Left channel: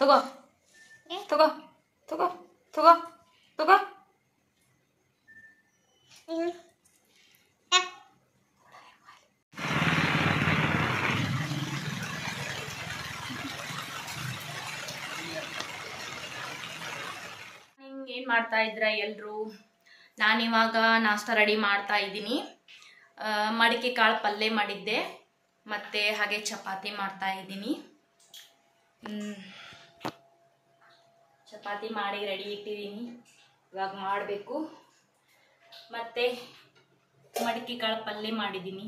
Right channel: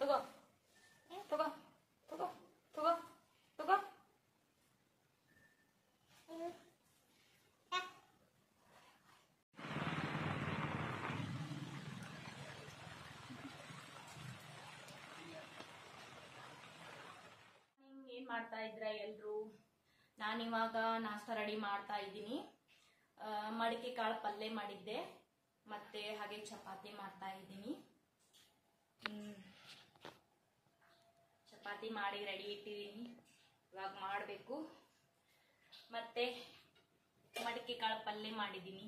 ತಗೋ ತಗೋ ತಗೋ ತಗೋ ತಗೋ ಏನು ಮಾಡ್ತಾ ಇದ್ದೀರಾ ಎಲ್ಲರೂ? ನಾನಿವಾಗ ನಾಷ್ಟ ರೆಡಿ ಮಾಡ್ತಾ ಇದ್ದೀನಿ. ಮಡಿಕೆ ಕಾಳು ಪಲ್ಯ ಮಾಡಿದ್ದೆ ಮತ್ತು ಹಾಗೆ ಚಪಾತಿ ಮಾಡ್ತಾ ಇದ್ದೀನಿ. ಚಪಾತಿ ಮಾಡಿ ರೆಡಿ ಇಟ್ಟಿದ್ದೀನಿ, ಇವಾಗ ಮಾಡಬೇಕು. ಮತ್ತು ಮಡಿಕೆ ಕಾಳು ಪಲ್ಯ ಮಾಡಿದ್ದೀನಿ.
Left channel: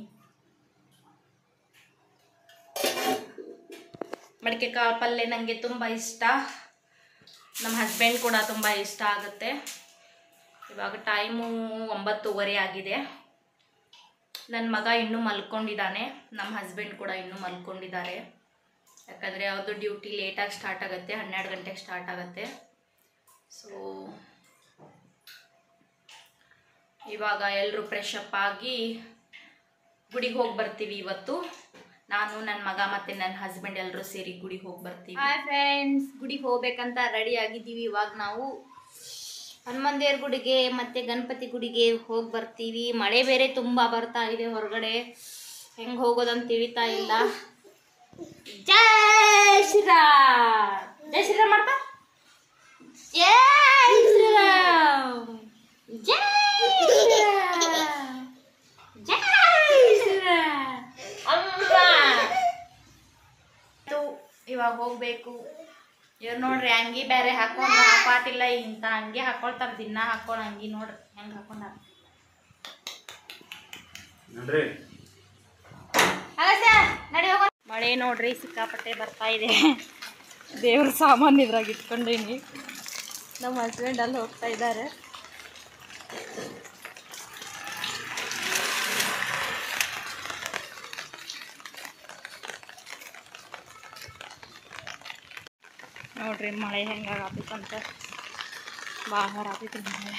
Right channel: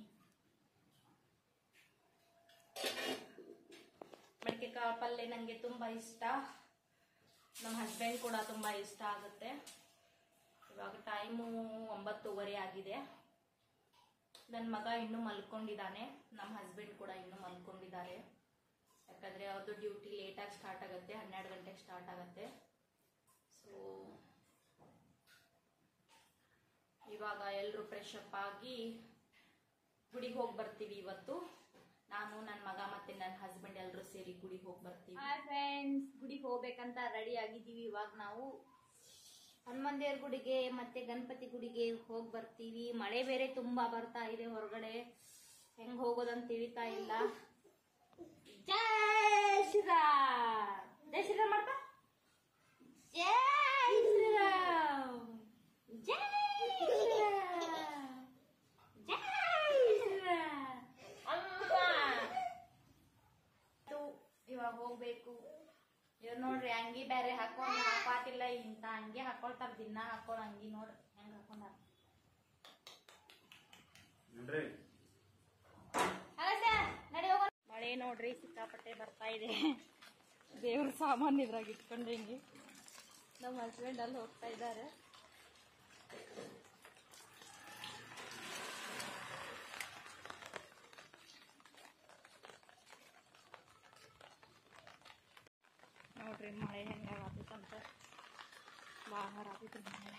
ಮಡಿಕೆ ಕಾಳು ಪಲ್ಯ ನನಗೆ ತುಂಬ ಇಷ್ಟ, ನಮ್ಮ ಹಸ್ಬೆಂಡ್ ಕೂಡ ತುಂಬ ಇಷ್ಟ ಆಗುತ್ತೆ. ಇವಾಗ ಟೈಮು 9:30 ಆಗಿದೆ. ನನ್ನ ಮಗ ಇನ್ನೂ ಮಲ್ಕೊಂಡಿದ್ದಾನೆ, ನಮ್ಮ ಹಸ್ಬೆಂಡ್ ಕೂಡ ಇನ್ನೂ ಮಲ್ಕೊಂಡಿದ್ದಾರೆ. ಯಾಕಂದರೆ ಅವ್ರದ್ದು ಡ್ಯೂಟಿ ಲೇಟಾಗಿ ಸ್ಟಾರ್ಟ್ ಆಗುತ್ತೆ, 12 ಗಂಟೆಗೆ ಸ್ಟಾರ್ಟ್ ಆಗುತ್ತೆ. ಸೊ ಇವಾಗ ಎಲ್ಲರೂ ಫ್ರೆಶ್ ಅಪ್ ಆಗಿ ಗುಡಿಗೆ ಹೋಗಿ ಬರ್ತೀವಿ. ಇವತ್ತು ನಾನು, ನನ್ನ ಮಗ ಮತ್ತು ನನ್ನ ಹಸ್ಬೆಂಡ್ ಎಲ್ಲರೂ ಸೇರಿ ಗುಡಿಗೆ ಹೋಗಿ ಬರ್ತೀವಿ. ಹಾಯ್ ಫ್ರೆಂಡ್ಸ್, ಗುಡಿಗೆ ಹೋಗ್ಬೇಕಂತ ರೆಡಿ ಆಗಿದ್ದೀವಿ. ಇವಾಗ ನಾವು ಹನುಮಾನ್ ದೇವ್ರ ಗುಡಿಗೆ ಮತ್ತು ಗಣಪತಿ ಗುಡಿಗೆ ಹೋಗಿ ಬರ್ತೀವಿ. ಮಳೆ ಬೇರೆ ತುಂಬ ಬರ್ತಾ ಇದೆ ಹೊರಗಡೆ, ಹೆಂಗೆ ಹೋಗೋದಂತ ತಿಳಿತಾ ಇಲ್ಲ. ಜೈ ಶ್ರೀರಾಮ್, ಜೈ ಶ್ರೀರಾಮ್ ಮಾಡ್ತಾ, ಜೈ ಶ್ರೀರಾಮ್, ಜೈ ಶ್ರೀರಾಮ್, ಜೈ ಶ್ರೀರಾಮ್. ಇವಾಗ ಹೋಗ್ಬೇಕು. ಇವ್ರು ನೋಡ್ರಿ ಅಂಗಿ ಬೇರೆ ಹಾಕೊಂಡು ಪಾಟಿಲ್ಲ, ಇಂಥ ಅಂಗಿ ಹಾಕೊಳ್ತಾರೆ, ದಿನ ಹಾಕೊಂಡು ಅಂಗಿ ನೋಡ್ರಿ ಹೆಂಗೆ ಹಾಕೊಂಡಾರ. ಮಳೆ ನೋಡ್ರಿ ಸಿಕ್ಕಾಪಟ್ಟೆ ಬರ್ತಾ ಇದೆ. ದೇವ್ರ ಸಾಮಾನು ಇದ್ರಾಗ ಇಟ್ಕೊಂಡೀನಿ. ನಮ್ಮ ಹಸ್ಬೆಂಡ್ ಅಲ್ಲಿ ಹೋಗ್ತಾ ಇದ್ದಾರೆ. ನೋಡ್ರಿ ಮಳೆ ಹೆಂಗಾಗತ್ತಂತ, ಭಾಳ ಆಗೈತಿ ಮಳೆ.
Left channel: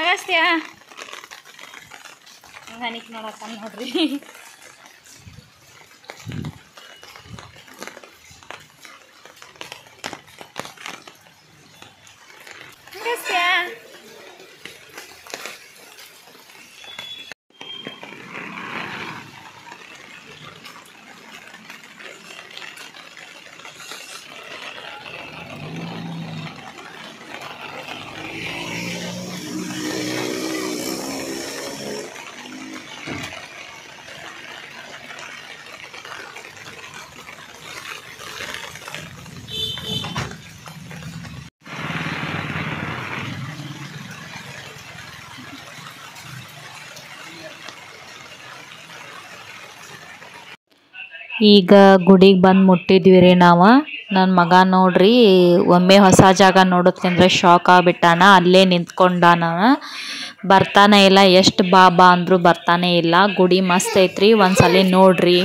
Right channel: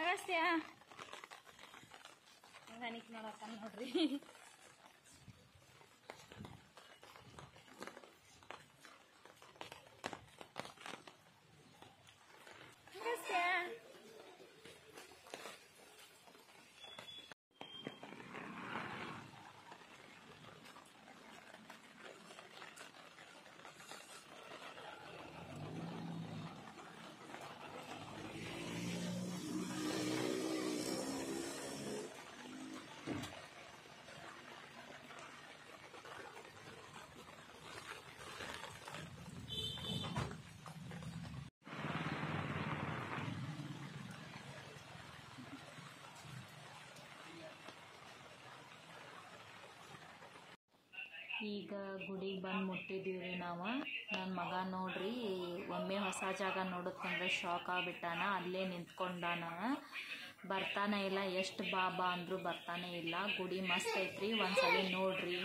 ಅಗಸ್ತ್ಯ ಹನಿಕ್ ನೋಡತ್ತ ನೋಡ್ರಿ. ಅಗಸ್ತ್ಯ ಈಗ ಗುಡಿಗೆ ಬಂದು ಮುಟ್ಟಿದ್ವಿ ರೀ ನಾವು. ನನ್ನ ಮಗ ನೋಡ್ರಿ ಒಮ್ಮೆ ಹೊಸ ಜಾಗ ನೋಡೋದ್ಕಂದ್ರೆ ಶಾಕ್ ಆಗಿಬಿಟ್ಟಾನ. ಅಲ್ಲೇ ನಿಂತ್ಕೊಂಡಾನ, ಬರ್ತಾನೆ ಇಲ್ಲ. ಎಷ್ಟು ಬಾ ಅಂದರೂ ಬರ್ತಾನೆ ಇಲ್ಲ. ಗುಡಿ ಮಸ್ತ್ ಐತ್ರಿ, ಒಂದ್ಸಲ ನೋಡ್ರಿ.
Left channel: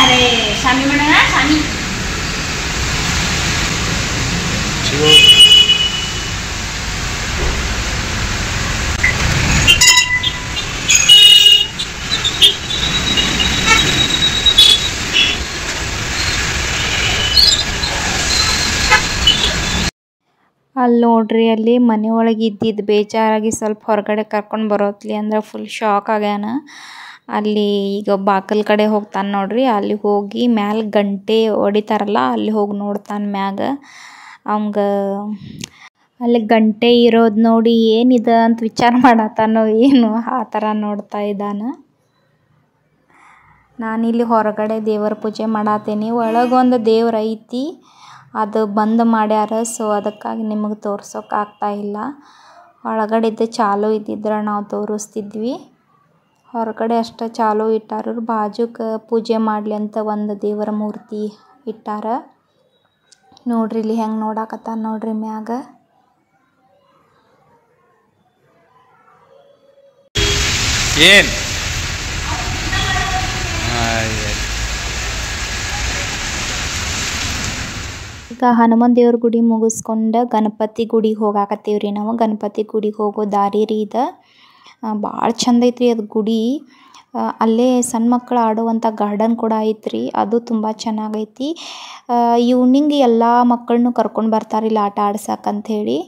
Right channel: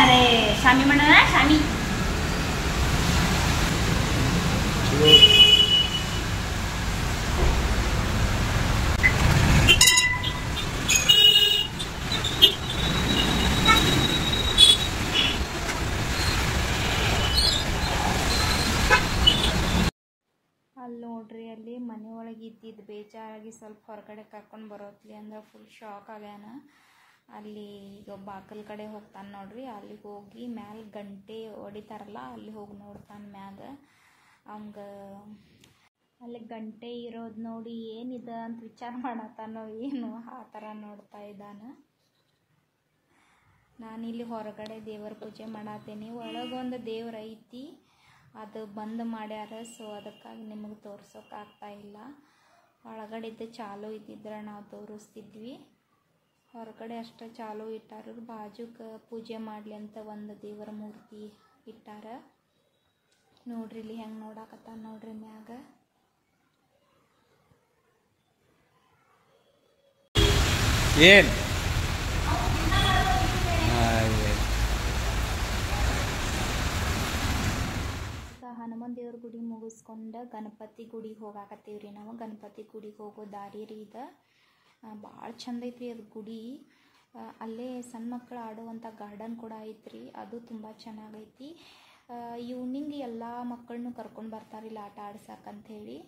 ಅರೆ ಶಾಮಿ ಮಾಡೋಣ, ಶಾಮಿ ಅಲ್ಲಿ ನೋಡ್ರಿ, ಅಲ್ಲಿ ಮನೆ ಒಳಗೆ ಇದ್ದಿದ್ದು ಬೇಜಾರಾಗಿ ಸ್ವಲ್ಪ ಹೊರಗಡೆ ಕರ್ಕೊಂಡು ಬರೋತ್ಲಿ ಅಂದ್ರೆ ಫುಲ್ ಶಾಕ್ ಆಗ್ಯಾನ. ಅಲ್ಲಿ ಈಗ ಬಾಕಲ್ ಕಡೆ ಹೋಗ್ತಾನೆ ನೋಡ್ರಿ, ಅಲ್ಲಿ ಹೋಗಿ ಮ್ಯಾಲ ಗಂಟೆ ಹೊಡಿತಾರಲ್ಲ, ಅಲ್ಲಿ ಹೋಗಿ ನೋಡ್ತಾನೆ ಮ್ಯಾಗ. ಅವಂಗ ಅಲ್ಲಿ ಗಂಟೆ ಇರೋದು ನೋಡಿ ಏನಿದೆ ಅಂತ ವಿಚಾರ ಮಾಡತ್ತಾನೋ ಏನು, ಆ ಥರ ನೋಡ್ತಾ ಇದ್ದಾನೆ. ನಾನಿಲ್ಲಿ ಹೊರಗಡೆ ದೇವರ ಪೂಜೆ ಮಾಡತ್ತೀನಿ. ಒಳಗೊಂದು ದೇವ್ರು ಐತಿ, ಅದು ಬಂದ್ ಮಾಡ್ಯಾರ. ಸೊ ಅದಕ್ಕಾಗಿ ನಿಮಗೆ ತೋರ್ಸೋಕೆ ಆಗ್ತಾಯಿಲ್ಲ. ಒಳಗಡೆದ್ದು ಚಾಲು ಇದ್ದಿದ್ರೆ ನಾವು ತೋರಿಸ್ತಿದ್ವಿ. ಹೊರಗಡೆ ಅಷ್ಟೇ ಚಾಲು ಇಟ್ಟಾರ. ಬಾಜುಕ್ಕೆ ಪೂಜೆ ಮಾಡಲಿ ಅಂತ ಒಂದು ದೇವರ ಮೂರ್ತಿ ಇಟ್ಟಾರ. ನೋಡ್ರಿ ಇಲ್ಲಿ ಹೆಂಗೆ ನೋಡಾಕತ್ತಾನ ನೋಡ್ರಿ ಮ್ಯಾಗ. ಏನು ಈಗ ಹನುಮಾನ್ ದೇವ್ರ ಗುಡಿ ಮುಗಿಸ್ಕೊಂಡು ಗಣಪತಿ ಗುಡಿಗೆ ಹೋಗಾಕತ್ತೀವ್ರಿ ನಾವು. ಗಣಪತಿ ಗುಡಿಗೆ ಹೋಗೋ ದಾರಿ ರೀ ಇದು. ಭಾಳ ಚಂದ ಐತ್ರಿ ಅದು ಗುಡಿ. ಅಲ್ಲೇ ಸಣ್ಣ ಮಕ್ಕಳು ಆಡುವಂಥ ಗಾರ್ಡನ್ ಕೂಡ ಐತ್ರಿ, ಅದು ತುಂಬ ಚೆನ್ನಾಗೈತಿ. ಈವ್ನಿಂಗ್ ಎಲ್ಲ ಮಕ್ಕಳನ್ನು ಕರ್ಕೊಂಡು ಬರ್ತಾರೆ ಇಲ್ಲಿ ಆಟ ಆಡ್ಸಕ್ಕಂಥೇಳಿ.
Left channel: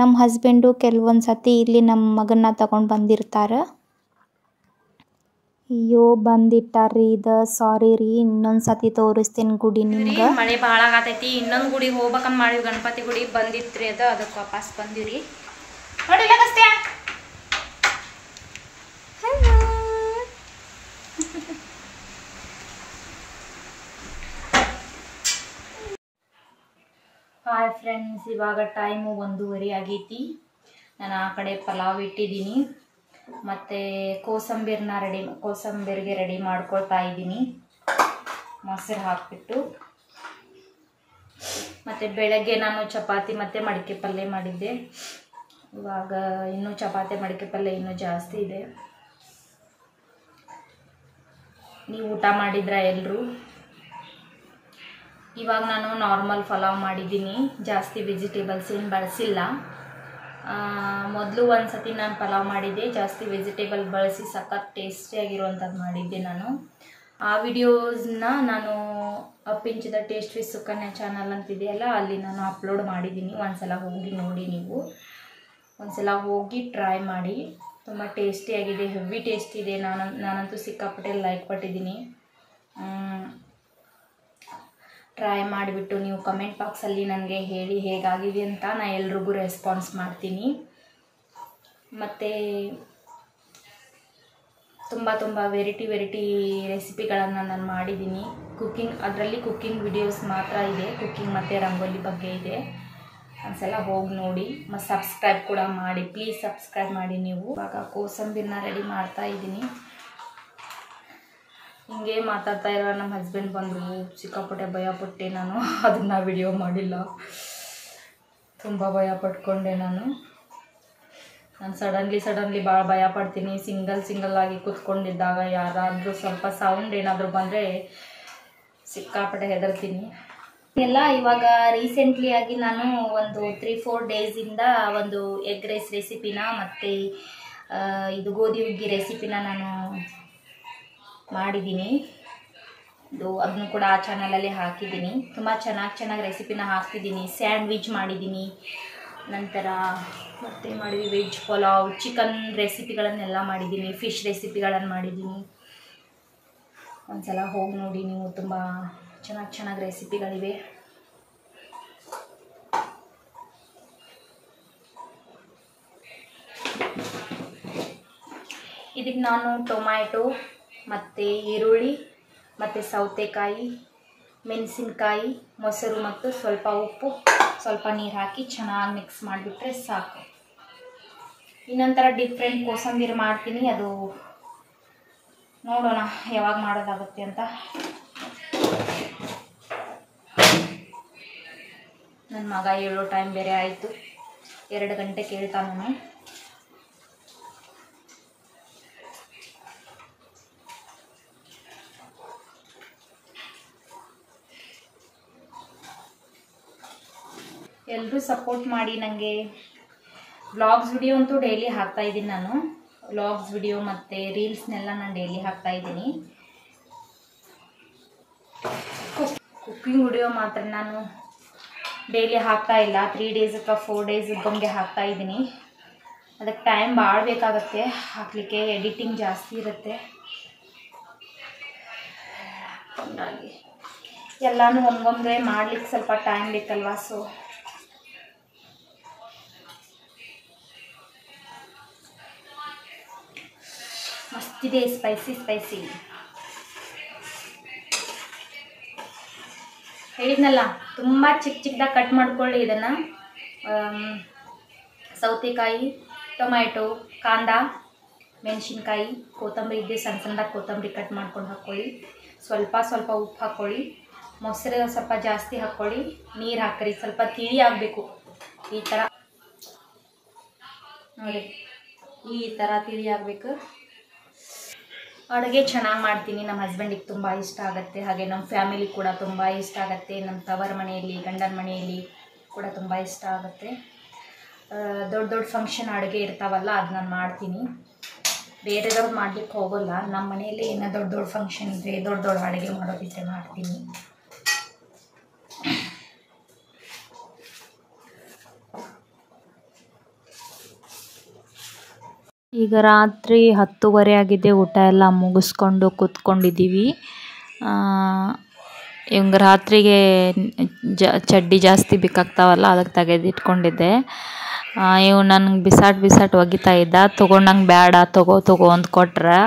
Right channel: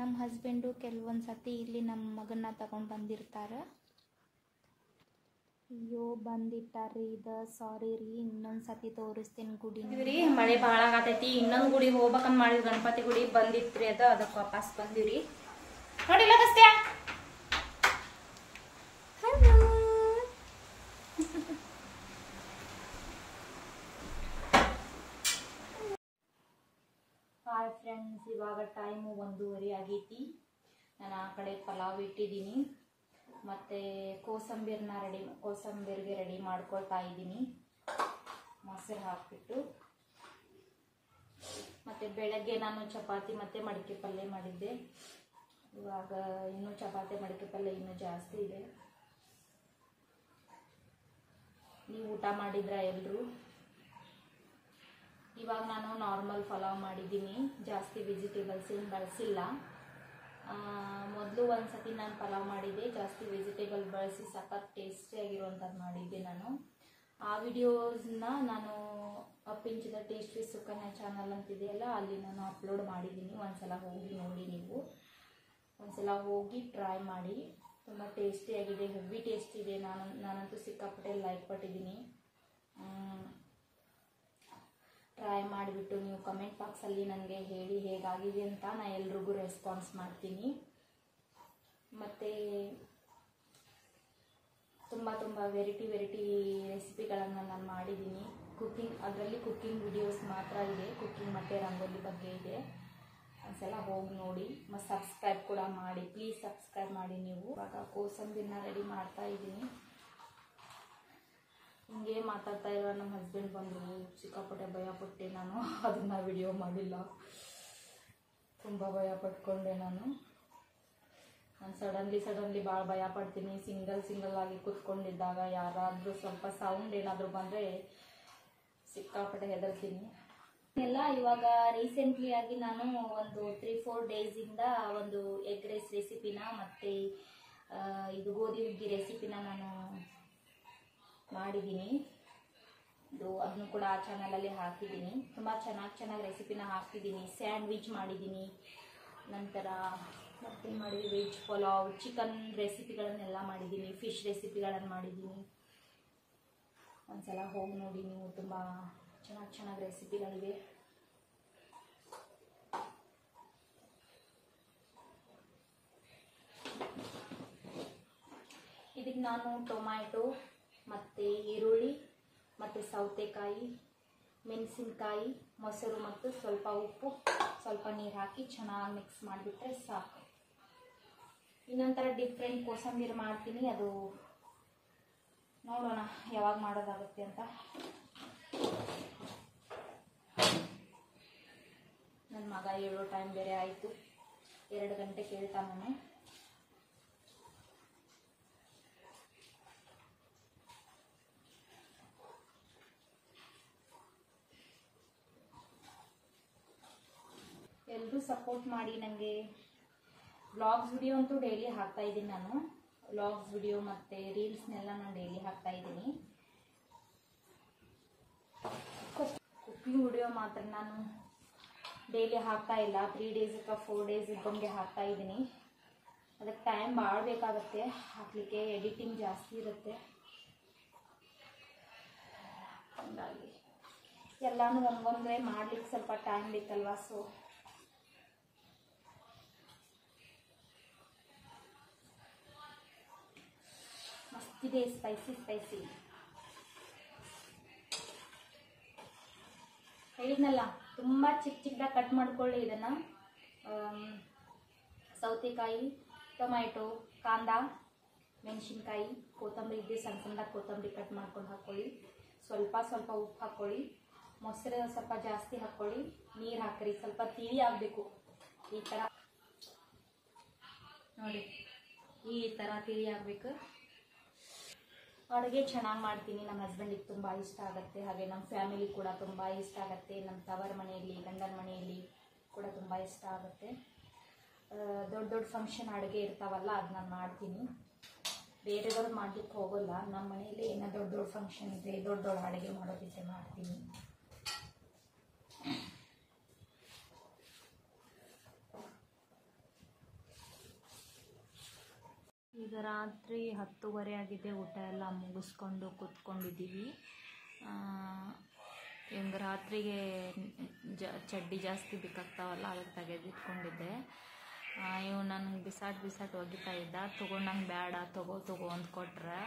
ನಮ್ಮ ಹಸ್ಬೆಂಡು ಕೆಲವೊಂದು ಸತಿ ಇಲ್ಲಿ ನಮ್ಮ ಮಗನ್ನ ತಗೊಂಡು ಬಂದಿರ್ತಾರೆ. ಅಯ್ಯೋ ಬಂದಿಟ್ಟಾರ್ರಿ ಇದು, ಸಾರಿ ರೀ, ಇನ್ನೊಂದು ಸತಿ ತೋರಿಸ್ತೀನಿ ಗುಡಿ ನಿಮ್ಗೆ. ಮಳೆ ಭಾಳ ಆಗತೈತಿ. ಇನ್ನೊಂದು ಗುಡಿ ಹೋಗ್ಬೇಕಂತ ಮಾಡಿವಿ, ಗಣಪತಿ ಗುಡಿ ಬಂದಿತ್ರಿ ಅದು, ಅದಕ್ಕೆ ವಾಪಸ್ ಬಂದಿರಿ. ನೋಡಿಲ್ಲ ಕಷ್ಟೇ. ಹಾಯ್ ಫ್ರೆಂಡ್ಸ್, ಇವಾಗ ಟೈಮು 1:30 ಆಗೈತಿ. ನಾನು ಆ ಕಡೆ ಪಲಾವ್ ಇಟ್ಟಿದ್ದೀನಿ, ಮತ್ತು ಕೋಸಂಬರಿಗೆ ರೆಡಿ ಮಾಡ್ಕೊಳ್ತಾ ಇದ್ದೀನಿ, ಮೊಸರು ಹಾಕಿಬಿಟ್ಟು. ಮತ್ತು ಬೆಳಗ್ಗೆ ನಾನು ಚಪಾತಿ ಮತ್ತು ಮಡಿಕೆ ಪಲ್ಯ ಮಾಡಿದ್ದೆ. ಇವಾಗ ಇನ್ನೂ ಚಪಾತಿ ಮಡಿಕೆ ಪಲ್ಯ ಇನ್ನೂ ಜಾಸ್ತಿ ಇದೆ. ನೀವು ಊಟ ಮಾಡಿದ್ರ ಎಲ್ಲರೂ? ಇವಾಗ ನಾನು ನಾರ್ಮಲ್ ಪಲಾವ್ ಮಾಡಿದ್ದೀನಿ, ಜಾಸ್ತಿ ವೆಜಿಟೇಬಲ್ಸ್ ಏನು ಬಳಸಿಲ್ಲ. ಮೊದಲು ಒಂದು ಸತಿ ನಾನು ಪಲಾವ್ ಮಾಡಿದ್ದೆ, ಜಾಸ್ತಿ ವೆಜಿಟೇಬಲ್ ಬಳಸಿ ಸಖತ್ ಟೇಸ್ಟಿಯಾಗಿರುವಂಥದ್ದು ಮಾಡಿದ್ದೆ ನಾನು. ಆ ವಿಡಿಯೋಸ್ನ ನಾನು ಅಪ್ಪಿಂಚಿದ ಟೇಸ್ಟ್ ವಿತ್ ಸುಕನ್ಯಾ ಚಾನಲ್ ಅಂತಿದೆಯಲ್ಲ, ಅಲ್ಲಿ ನಾನು ಅಪ್ಲೋಡ್ ಮಾಡಿದ್ದೀನಿ. ಒಂದ್ಸಲ ಹೋಗಿ ನೋಡಿ, ನೀವು ಒಂದ್ಸಲ ಹೋಗಿ ಟ್ರೈ ಮಾಡಿ. ತುಂಬ ಟೇಸ್ಟಿಯಾಗಿದೆ, ಹೆವಿ ಟೇಸ್ಟ್ ಇದೆ. ನಾನಂತೂ ಸಿಕ್ಕಾಪಟ್ಟೆ ಲೈಕ್ ಪಟ್ಟಿದ್ದೀನಿ. ಟ್ರೈ ಮಾಡಿಬಿಟ್ಟು ನೀವು ಕಮೆಂಟ್ ಬಾಕ್ಸಲ್ಲಿ ನನಗೆ ಹೇಳಿ ಹೇಗಾಗಿದೆ ಅಂತ. ನಾನು ಎಲ್ರಿಗೂ ರೆಸ್ಪಾನ್ಸ್ ಮಾಡ್ತೀನಿ. ಮತ್ತು ತುಂಬ ವೆರೈಟಿ ರೆಸಿಪಿಗಳನ್ನು ನಾನು ಮಾಡಿದ್ದೀನಿ. ಅದರಲ್ಲಿ ಕುಕ್ಕಿಂಗ್ ವಿಡಿಯೋಸ್ ಮಾತ್ರ ಇದೆ, ಕುಕ್ಕಿಂಗ್ ಮತ್ತು ರಂಗೋಲಿ ಬಗ್ಗೆ ಇದೆ. ಒಂದ್ಸಲ ಹೋಗಿ ನೋಡಿ, ಮತ್ತು ಸಬ್ಸ್ಕ್ರೈಬ್ ಕೂಡ ಮಾಡಿ, ಪ್ಲೀಸ್ ಸಬ್ಸ್ಕ್ರೈಬ್ ಮಾಡಿ ನೀವು. ಇವಾಗ ಕೋಸಂಬರಿನ ರೆಡಿ ಮಾಡ್ತಾ ಇದ್ದೀನಿ. ಹಿಂಗೆ ಮಾತಾಡ್ತಾ ಇರೋ ನಮ್ಮ ಹಸ್ಬೆಂಡ್ ಬಂದರು, ಸಿಕ್ಕಾಪಟ್ಟೆ ಭಯಪಟ್ಟೆ ನಾನು. ಅದನ್ನು ವಿಡಿಯೋ ಮಾಡಿಲ್ಲ, ತುಂಬ ಭಯ ಪಟ್ಕೊಂಡೆ ನಾನು. ಸಡನ್ಲಿ ಭಾಳ ಭಯ ಪಡ್ತೀನಿ. ಸಿಂಗಲ್ ಆಗಿ ಕೂತ್ಕೊಂಡಿದ್ದಾಗ ಯಾರಾದರೂ ಸ್ವಲ್ಪ ಸೌಂಡ್ ಏನಾದರೂ ಬಂದರೆ ಸಿಕ್ಕಾಪಟ್ಟೆ ಹೆದರ್ತೀನಿ ಎಲ್ಲ. ಇವಾಗ ರೀಸೆಂಟ್ಲಿ ಆಗಿ ನಾನು ಒಂದು 3-4 ಡೇಸಿಂದ ಒಂದು ಎಗ್ ರೈಸ್ ರೆಸಿಪಿನ ಮತ್ತು ಇದು ಗೋಧಿ ಹುಗ್ಗಿ ರೆಸಿಪಿನ ನಾನು ಮಾಡಿದ್ದೀನಿ. ಅದನ್ನು ಕೂಡ ಆ ಚಾನಲಲ್ಲಿ ಹಾಕಿದ್ದೀನಿ. ತುಂಬ ಚೆನ್ನಾಗಿ ರೆಸಿಪಿನ ಹಾಕ್ತಿದ್ದೀನಿ. ಸ್ಯಾಂಡ್ವಿಚ್ ಮಾಡಿದ್ದೀನಿ, ನಂತರ ಮತ್ತು ಮಾಡಿದ್ವಿ ವೆಜ್ ಪಲಾವ್, ಚಿಕನ್ ರೆಸಿಪಿಗಳನ್ನೆಲ್ಲ ಮಾಡಿದ್ದೀನಿ, ಫಿಶ್ ರೆಸಿಪಿಗಳನ್ನು ಮಾಡಿದ್ದೀನಿ. ಒಂದ್ಸಲ ಹೋಗಿ ನೋಡಿ ನೀವು, ತುಂಬ ಚೆನ್ನಾಗಿ ರೆಸಿಪಿಗಳಿವೆ. ಇದಕ್ಕೆ ನಾನು ಟೊಮ್ಯಾಟೊ ಮತ್ತು ಈರುಳ್ಳಿ ಮತ್ತು ಸೌತೆಕಾಯಿ, ಮೆಣಸಿನ್ಕಾಯಿ, ಮೊಸರು ಮತ್ತು ಸ್ವಲ್ಪ ಉಪ್ಪು, ಸ್ವಲ್ಪ ನೀರು ಹಾಕಿ ಚೆನ್ನಾಗಿ ಮಿಕ್ಸ್ ಮಾಡಿಬಿಟ್ರೆ ಸಾಕು. ಇನ್ನೊಂಥರ ಡಿಫ್ರೆಂಟ್ ಕೋಸಂಬರಿ ಮಾಡ್ತೀನಿ, ಅದು ನೋಡೋಣ ಯಾವಾಗ ಮಾಡೋದಾಗುತ್ತೆ ಅಂತ. ನನ್ನ ಮಗ ಹೇಳೋ ಟೈಮ್ ಬೇರೆ ಆಯಿತು, 2 ಗಂಟೆ ಕೇಳ್ತಾನು. ಎಲ್ಲರೂ ಸಪೋರ್ಟ್ ಮಾಡಿ ನನಗೆ. ವ್ಲಾಗ್ಸ್ ವಿಡಿಯೋ ಅಂತೂ ಡೈಲಿ ಹಾಕ್ತಾಯಿದ್ದೀನಿ ನಾನು. ವ್ಲಾಗ್ಸ್ ವಿಡಿಯೋ ಮತ್ತು ರೀಲ್ಸ್ನೆಲ್ಲ ನಾನು ಡೈಲಿ ಹಾಕ್ತಾಯಿದ್ದೀನಿ. ಕುಕ್ಕಿಂಗ್ ವಿಡಿಯೋ ಮಾತ್ರ ನಾನು ಡೈಲಿ ಹಾಕ್ತಾಯಿಲ್ಲ, 3 ಡೇಸ್ ಅಥವಾ 4 ಡೇಸ್ ಒಮ್ಮೆ ಹಾಕ್ತಾಯಿದ್ದೀನಿ. ಅದಕ್ಕೆ ಟೈಮ್ ಭಾಳ ಬೇಕಾಗುತ್ತೆ ಹಾಕಲಿಕ್ಕೆ, ಎಡಿಟಿಂಗ್ ಜಾಸ್ತಿ ಇರುತ್ತೆ. ಹಾಗಾಗಿ ಎಲ್ಲನೂ ಒಮ್ಮೊಮ್ಮೆ ಮಾಡ್ಲಿಕ್ಕೆ ಸ್ವಲ್ಪ ಟೈಮ್ ಬೇಕಲ್ವಾ. ಸೊ ಮಸ್ತಿದೆ, ಸ್ಪೈಸಿ. ಹೇಳಿದ್ನಲ್ಲ, ತುಂಬ ಚಿಕ್ಕದಾಗಿ ಕಟ್ ಮಾಡ್ಕೊಳ್ಳಿ ಇದನ್ನು. ಸೌತೆಕಾಯಿ, ಟೊಮ್ಯಾಟೊ, ಕಾಂದ, ಮೆಣಸಿನ್ಕಾಯಿ, ಕೊತ್ತಂಬರಿ ಇದ್ದೆ ಸಣ್ಣದಾಗಿ ಕೊತ್ತಂಬರಿ ಕಟ್ ಮಾಡ್ಕೊಂಡು ಹಾಕ್ಕೊಳ್ಳಿ. ಸ್ವಲ್ಪ ಉಪ್ಪು ಹಾಕ್ಕೊಳ್ಳಿ, ಮೊಸರು ಸ್ವಲ್ಪ ಜಾಸ್ತಿ ಹಾಕ್ಕೊಳ್ಳಿ, ನೀರು ಹಾಕ್ರಿ. ಸ್ವಲ್ಪ ತಿಳಿ ಆಗಬೇಕು, ಈ ಥರ ನೋಡಿ, ಈ ಥರ ತಿಳಿ ಆಗಬೇಕು. ಅಡುಗೆ ಚೆನ್ನಾಗಿ ಮಾಡ್ತೀನಿ. ನಮ್ಮ ಹಸ್ಬೆಂಡಿಗೆ ತುಂಬ ಇಷ್ಟ ಆಗುತ್ತೆ, ಹಾಗೆ ನಮ್ಮ ಫ್ಯಾಮಿಲಿ ಕೂಡ ತುಂಬ ಇಷ್ಟ ಆಗುತ್ತೆ. ನಮ್ಮ ತವರ ಮನೆಯಲ್ಲಿ, ಗಂಡನ ಮನೆಯಲ್ಲಿ ಕೂಡ ತುಂಬ ಇಷ್ಟ ಆಗುತ್ತೆ. ದೊಡ್ಡ ದೊಡ್ಡ ಫಂಕ್ಷನ್ ಅಡುಗೆ ಇರ್ತಾವಲ್ಲ ಅದು ನಾನು ಮಾಡ್ತೀನಿ. ಬೇರೆದವ್ರು ಮಾಡ್ಲಿಕ್ಕೆ ಹೋಗೋಲ್ಲ. ನಮ್ಮ ಮನೆಯಲ್ಲಿ ಏನೋ ದೊಡ್ಡ ದೊಡ್ಡ ಫಂಕ್ಷನ್ ಇದ್ದರೆ ದೊಡ್ಡ ದೊಡ್ಡ ಅಡುಗೆ ಮಾಡೋದಿದ್ದರೆ ಮಾಡ್ತೀನಿ. ಈಗ ರಾತ್ರಿ 10:30 ಆಗಿದೆ. ಊಟ ಎಲ್ಲ ಮುಗಿಸ್ಕೊಂಡು ಕೂತ್ಕೊಂಡಿದ್ದೀವಿ. ಇವಂಗೆ ರಾತ್ರಿಗೆ ಚಡ್ಡಿ ಜಾಸ್ತಿ ಬೇಕಾಗ್ತಾವಲ್ಲ, ಅದಕ್ಕೆ ತೆಗೆದಿಟ್ಕೊಂಡಿದ್ದೆ. ಇವು ನನಗೆ ಬಿಸಾಟ್ ಒಗಿತಾ ಇದ್ದ. ತೊಗೊಂಡಂಗೆ ಬೇಡ, ತಗೋ ಅಂತ ಕೊಟ್ರೆ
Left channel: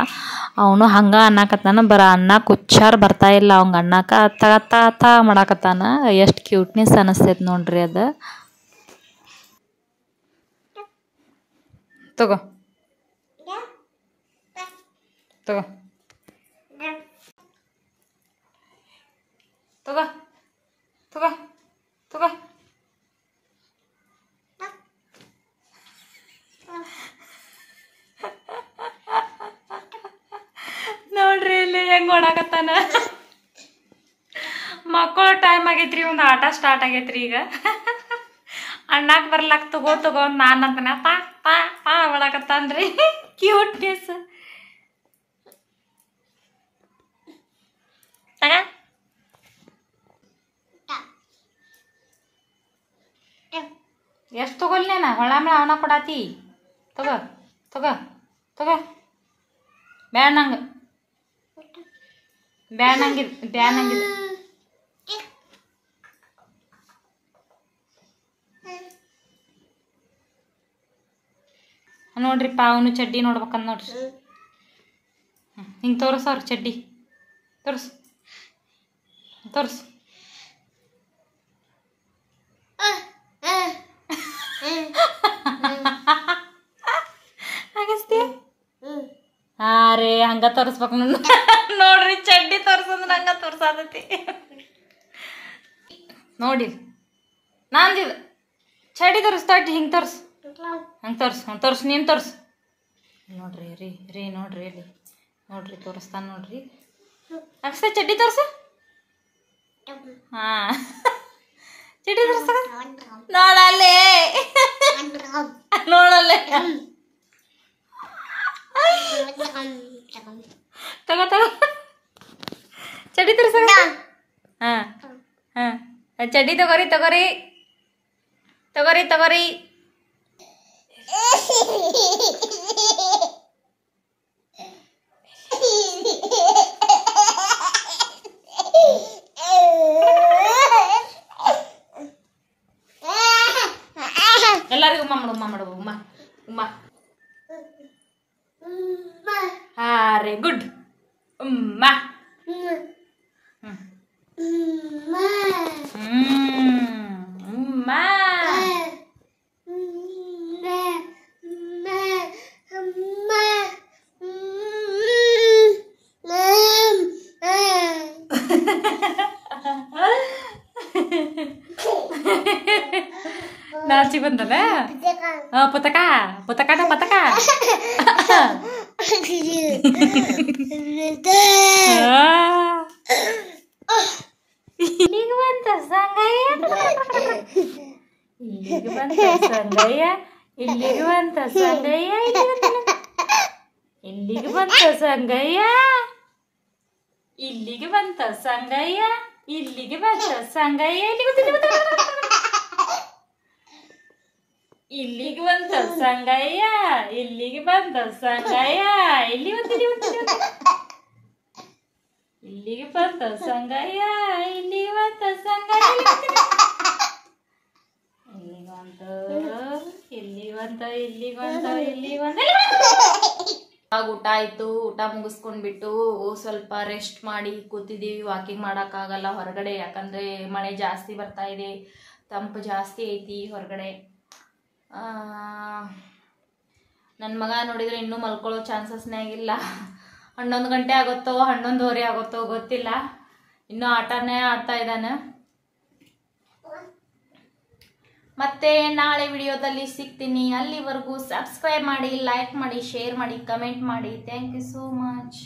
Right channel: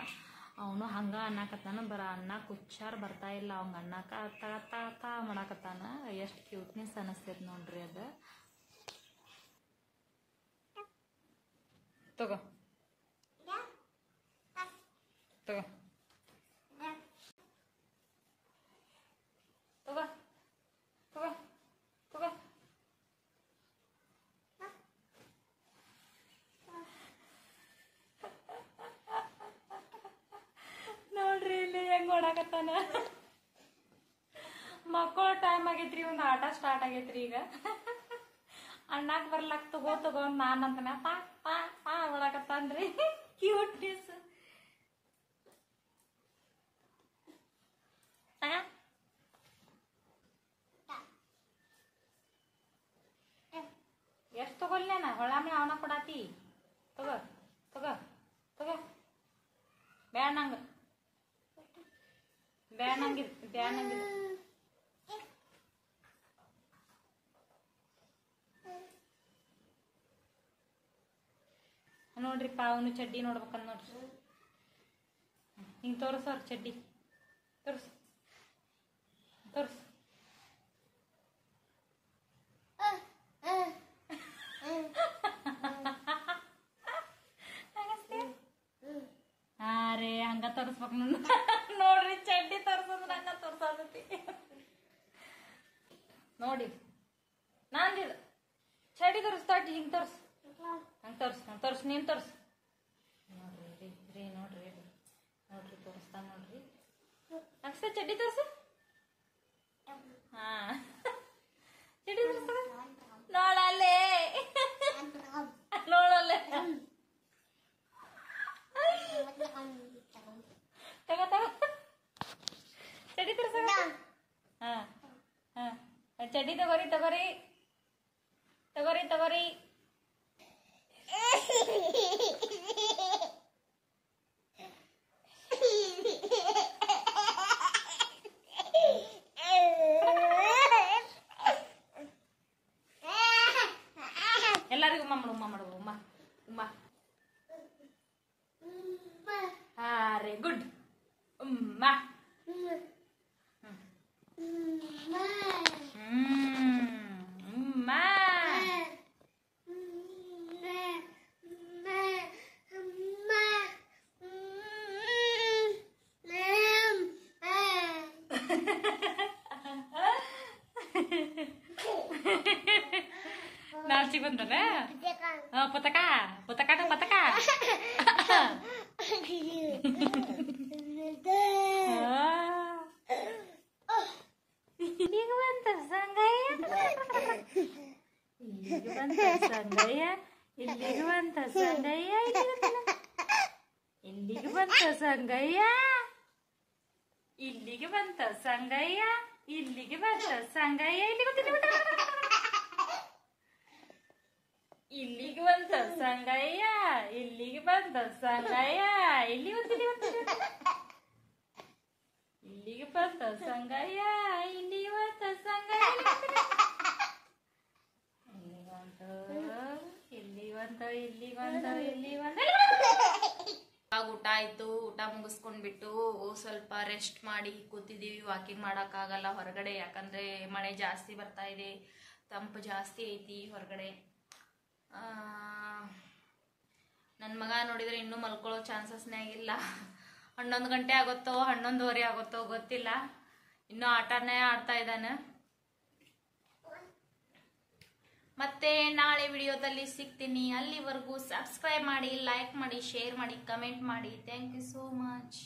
ಅವನು ಹಂಗೆ ಅನ್ನಕತ್ತಾನ. ಅನ್ನಕ್ಕೆ ಹುಚ್ಚಾರು ಬರ್ತಾಯಿಲ್ಲ ಅವಂಗೆ. ಅನ್ನಕ್ಕೆ ತ ಮಾಡಾಕತ್ತಾನ. ಎಷ್ಟು ಕ್ಯೂಟ್ನೆಸ್ ಅನ್ನಿಸ್ತೈತೆ ನೋಡ್ರಿ ಅದು. ತಗೋ ತಗೋ ತಗೋ ತಗೋ ತಗೋ. ನೋಡ್ರಿ ಇಲ್ಲಿ ಹೆಂಗೆ ಓಡಾಕತ್ತಾನ. ಮಕ್ಕಳ ಟೈಮ್ ಆಗೈತ್ರಿ, ಒಂದು ಆಟ ಸ್ಟಾರ್ಟ್ ಆಗೈತ್ರಿ ಈಗ. ಅಣ್ಣಾಕ್ ಬರ್ಲಾಕ ತಗೋ ಅಂತ ನಾನು ಅಂತಾನೆ ಪಾ ಓಡಾಕತ್ತಾನ್ರಿ. ಕ್ಯೂಟ್ನೆಸ್. ಎಷ್ಟು ತಗೊಲ್ನೇನ ಹೊಳಾಮಳ ಅವನ ಕೊಡಾತಿ. ತಗೋ ತಗೋ ತಗೋ. ಬ್ಯಾನಂಗೆ ನೋಡ್ರಿಪ್ಪ, ಅವನು ಚಡ್ಡಿ ನೋಡ್ಬೇಕಂದ್ ನೋಡ್ರಿ. ಹಿಂಗೆ ತೋರಿಸವ್ರಿ ಚಡ್ಡಿ. ತೋರಿಸು ಹಾಗಸ್ತೀಯ? ಹಾಂ ರೀ, ಹಂಗೆ ತೋರಿಸ್ಬೇಕು ನೋಡ್ರಿ. ಚಡ್ಡಿ ತೋರ್ಸಂದ್ರೆ ಹಂಗೆ ತೋರ್ಸಾದತಿ ನೋಡಿ. ನಂದಿದು ಚಡ್ಡಿ ತೋರಿಸ್ತಾಟಿ. ಹಿಂಗೆ ತೋರಿಸು, ತೋರಿಸು ನೀನು ತೋರಿಸು. ನೋಡ್ರಿ ರೀ ನೋಡ್ರಿ ಅಲ್ಲಿ ನೋಡ್ರಿ, ತೋರಿಸ್ತಾನೆ ನೋಡ್ರಿ. ಅಕ್ಷ ಚಡ್ಡಿ ತೋರಿಸು. ಹಾಂ, ಚಡ್ಡಿ ತೋರಿಸ. ನೋಡಲ್ಲೇ ತಗೋ ಚಡ್ಡಿ ತೋರಿಸ. ಹಾಂ ಚಡ್ಡಿ ತಗೋರಿ. ಎಲ್ಲರಿಗೂ ಉಮ್ಮ ಮಾಡು. ಹಾಂ ರೀ, ಗುಡ್. ಉಮ್ಮ ನಾಚಿ ಬಂದದ. ಪುತಕ ಇಲ್ಲಿಗೆ ಬಂತ ಊಟ ಆಯ್ತು. ಊಟ ಮುಗಿಸ್ಕೊಂಡ್ಬಿಟ್ಟು ಸ್ವಲ್ಪ ರೆಸ್ಟ್ ಮಾಡಿ ಕೂತಿದ್ದೀವಿ. ವಾಕಿಂಗ್ ಮಾಡೋಕ್ಕಾಗಲ್ಲ ಹೊರಗಡೆ, ಯಾಕಂದರೆ ಮಳೆ ಜಾಸ್ತಿ ಬರ್ತಾ ಇದೆ, ತಂಪು ಜಾಸ್ತಿ ಐತಿ ಹೊರಗಡೆ. ನನ್ನ ಮಗ ನೋಡಿದರೆ ಇನ್ನೂ ಮಲ್ಕೊಳ್ಳೋ ಚಾನ್ಸಸ್ನೇ ಆಗಿಲ್ಲ. 11 ಗಂಟೆ ಆಗುತ್ತೋ 11:15 ಆಗುತ್ತೋ ಗೊತ್ತಿಲ್ಲ. ಇನ್ನೂ ಆಟನೇ ಆಡ್ತಾ ಇದ್ದಾನೆ. ಮತ್ತೆ ನಾಳೆ ವಿಡಿಯೋದಲ್ಲಿ ಸಿಗ್ತೀನಿ. ಅಲ್ಲಿವರೆಗೂ ಸಬ್ಸ್ಕ್ರೈಬ್ ಮಾಡಿ, ಲೈಕ್ ಮಾಡಿ, ಶೇರ್ ಮಾಡಿ, ಕಮೆಂಟ್ ಮಾಡಿ. Thank you so much.